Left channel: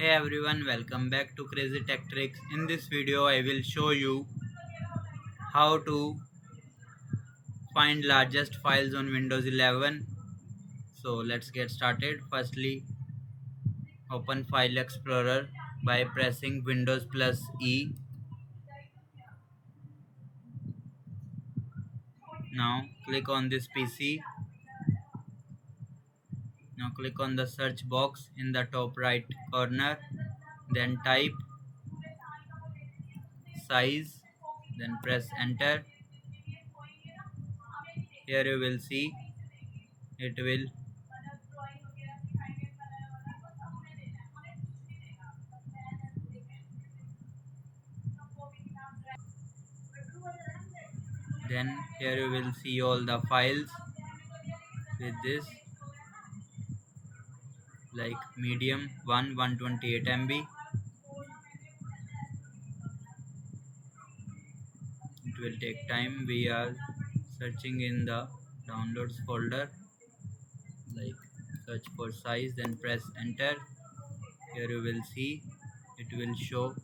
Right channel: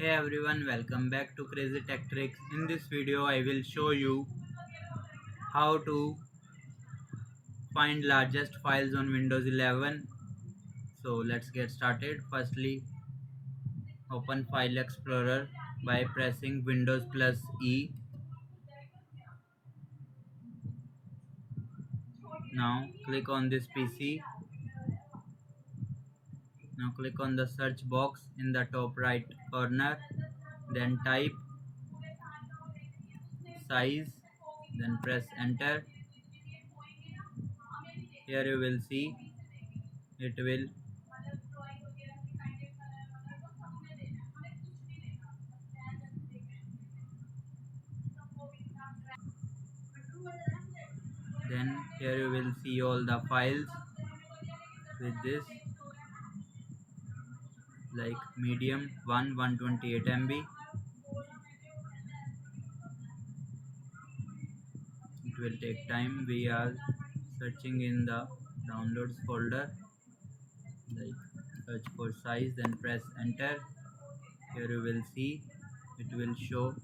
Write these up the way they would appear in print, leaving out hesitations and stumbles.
Hey everyone, welcome back to Crazy Tech Tricks. In this video, I will show you how to find largest files on Windows 11. So let's get started. Firstly, open File Explorer by pressing Windows plus E. Now click on this PC. Now click on the search box in the top right corner. Then type size. Then press enter. Here you will see it will then here you will see all the files with this like medium 128 MB. It will take time. We are searching in the downloads folder, like search for size, then press enter. Here you will see it will show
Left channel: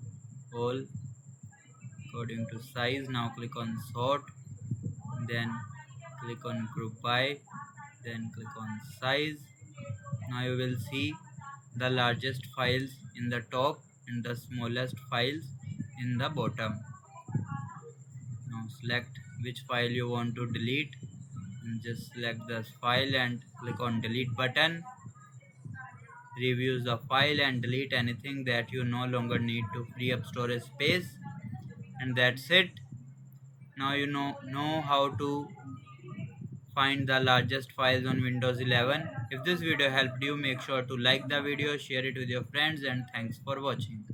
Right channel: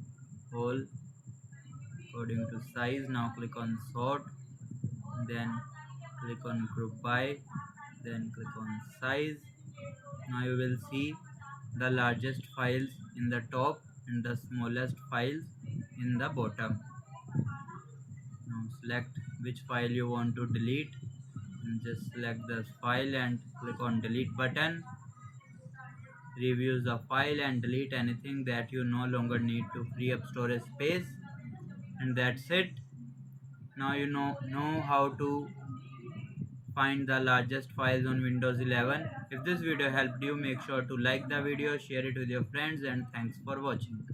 all according to size. Now click on sort, then click on group by, then click on size. Now you will see the largest files in the top and the smallest files in the bottom. Now select which file you want to delete and just select this file and click on delete button. Review the file and delete anything that you no longer need to free up storage space, and that's it. Now you know how to find the largest files on Windows 11. If this video helped you, make sure to like the video, share it with your friends, and thanks for watching.